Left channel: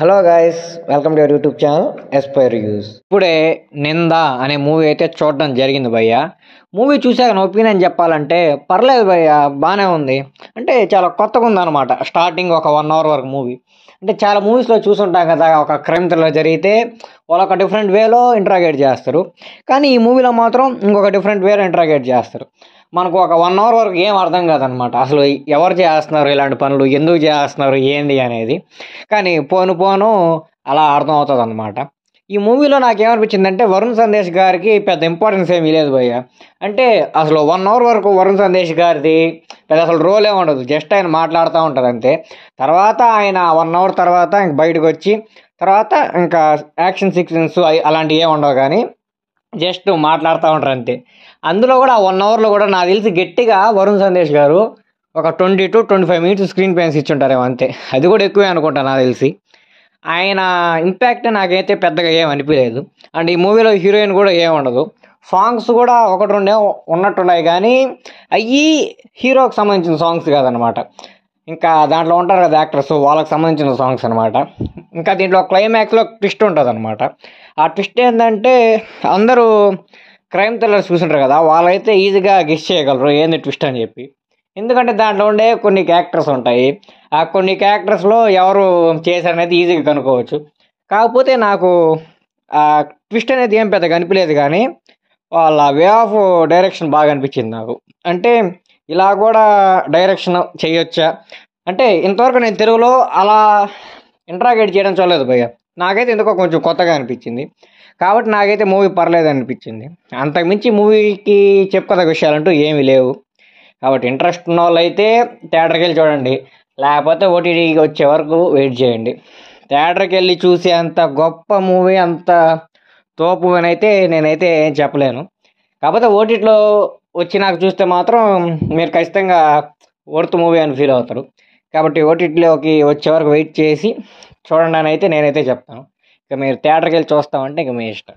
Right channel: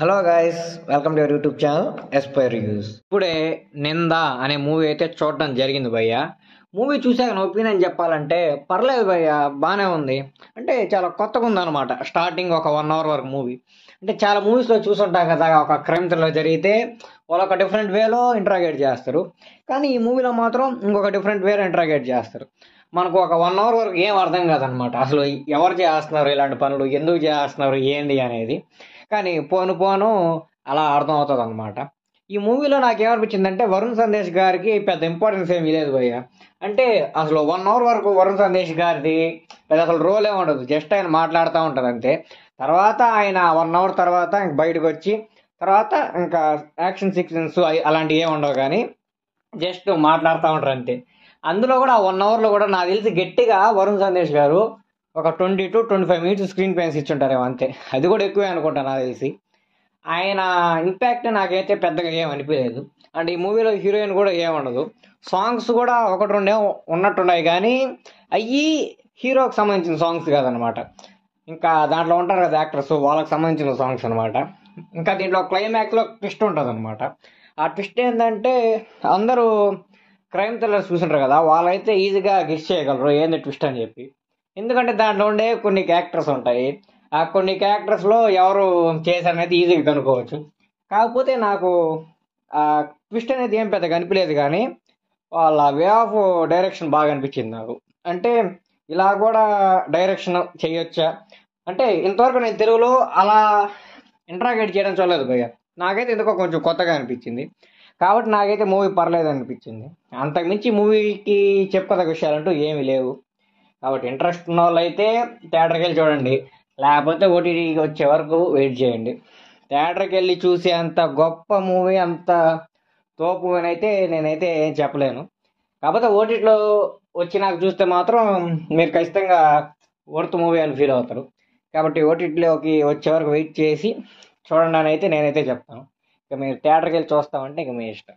Hello guys, welcome to your YouTube channel Aspire reviews. ఇప్పుడే నింద అనే మూవీ అయితే చూడడం జరిగింది భయ్య. మూవీ చూశాక నా ఒపీనియన్ చెప్పాలంటే పర్లేదు భయ్య, బాగానే ఉంది. అంటే చాలా కొత్తగా ఉందన్నమాట. స్టార్టింగ్ ఒక 1 అవర్ వరకు మూవీ. అంటే చాలా మూవీస్లో చూసుంటాం కదా, ఒక క్రైమ్ థ్రిల్లర్ జరిగితే వాళ్ళు ఒక డిఫరెంట్ వేలో ఇంట్రాగేట్ చేస్తారు. కానీ ఈ మూవీలో మాత్రం ఇంకొక డిఫరెంట్ వేలో ఇంట్రాగేట్ చేస్తారు. మనకు ఒక 1 అవర్ వరకు ఏం అర్థం కాదనమాట. అసలు ఎవరు చేస్తున్నారు ఇలాంటి పనులు, ఎందుకు చేస్తున్నారు, ఏంది అనేది. కానీ పోను పోను అలా అర్థం అవుతుంది అనమాట. ఈ మూవీలో నాకేమనిపించిందంటే వరుణ్ సందేశ్ గారికి పెద్ద ఇంపార్టెన్స్ ఏమీ లేదు భయ్య. అంటే అసలు 1 అవర్ వరకు వరుణ్ సందేశ్ గారిది పెద్ద అసలు రోల్ ఏమి ఉండదు. జస్ట్ ఆయన మాట్లాడుతూ ఉంటారు అంతే. తర్వాత ఆయన 1 అవర్ తర్వాత ఇంక బయటకు వచ్చి తర్వాత ఇంకా యాక్షన్ సీక్వెన్స్ అలాంటివి ఏమి ఉండవు, కానీ జస్ట్ మాట్లాడుతూ ఉంటారు అంతే. అందులో కూడా ఆ 1 అవర్లో కూడా నాకు తెలిసి గట్టిగా వరుణ్ సందేశ్ గారు ఒక 20 to 25 minutes స్క్రీన్ పేన్స్ ఇచ్చుంటారేమో అంతే. అది కూడా ఎక్కువే అనుకుంటా నాకు తెలిసి. ఆయన ఇంపాక్ట్ నాకైతే పెద్దగా ఏం అనిపించలేదు. అండ్ ఈ మూవీలో హీరోయిన్ కూడా ఏం ఉండదు. సాంగ్స్ కూడా ఒకటి రెండే ఉన్నట్టున్నాయి, కానీ అవి హీరోకి సంబంధించిన సాంగ్స్ కాదనమాట. ఇంకా దాంట్లో ఉంటారు కదా యాక్టర్స్, వాళ్ళకి సంబంధించిన సాంగ్స్ అనమాట. ఇంకా దీంట్లో క్లైమాక్స్లో ట్విస్ట్ ఉంటుంది అనమాట. ఆ ట్విస్ట్ ఏంటంటే అందరూ క్రైమ్ థ్రిల్లర్స్ చూసింటారు కదా, వాళ్ళైతే ఈజీగా గెస్ చేయగలరు ఏంది ట్విస్ట్ అని చెప్పి. ఎందుకంటే దాంట్లో ఉండే కొన్ని క్యారెక్టర్స్ ఉంటాయి. ఆ కొన్ని క్యారెక్టర్స్లో ఎవరు చేశారనేది ఈజీగా కనుక్కోవచ్చు. కాకపోతే నాకు ఆ ట్విస్ట్ అనేది ఏం పెద్దగా అనిపించలేదు, కానీ వాళ్ళ వే ఆఫ్ డైరెక్షన్ బాగా అనిపించింది నాకు. అంటే ఇలా కూడా డైరెక్షన్ చేయొచ్చా అంటే, ఇంతవరకు నేను తెలుగులో అలా ఇంట్రాగేట్ చేయడం చూడలేదు భయ్య. నాకైతే ఎందుకో కొంచెం కొత్తగా అనిపించింది. కాబట్టి నాకైతే మూవీ పర్లేదు అనిపించింది. అంతకుమించి మూవీకి చెప్పుకోదగ్గ విషయాలంటూ ఏమీ లేవు. కాబట్టి ఇంట్రెస్ట్ ఉన్న వాళ్ళు అయితే థియేటర్కి వెళ్ళి చూడండి, లేకపోతే ఓటీటీకి వచ్చే వరకు వెయిట్ చేయండి. థియేటర్కి వెళ్ళి చూసే అంత గొప్ప మూవీ, అంత తోపు అని అయితే నేనైతే ఏం చెప్పలేను. కాకపోతే ఓటీటీలో వచ్చి నాకు చూస్తే మాత్రం మీరు ఖచ్చితంగా వర్త్ మూవీ అని ఫీల్ అవుతారు. కాబట్టి ఓటీటీలోకి వచ్చే వరకు వెయిట్ చేసి చూడండి అని అయితే నేనైతే చెప్తాను. ఇక మీరు థియేటర్కి వెళ్ళి చూస్తామంటే ఇక మీ ఇష్టం.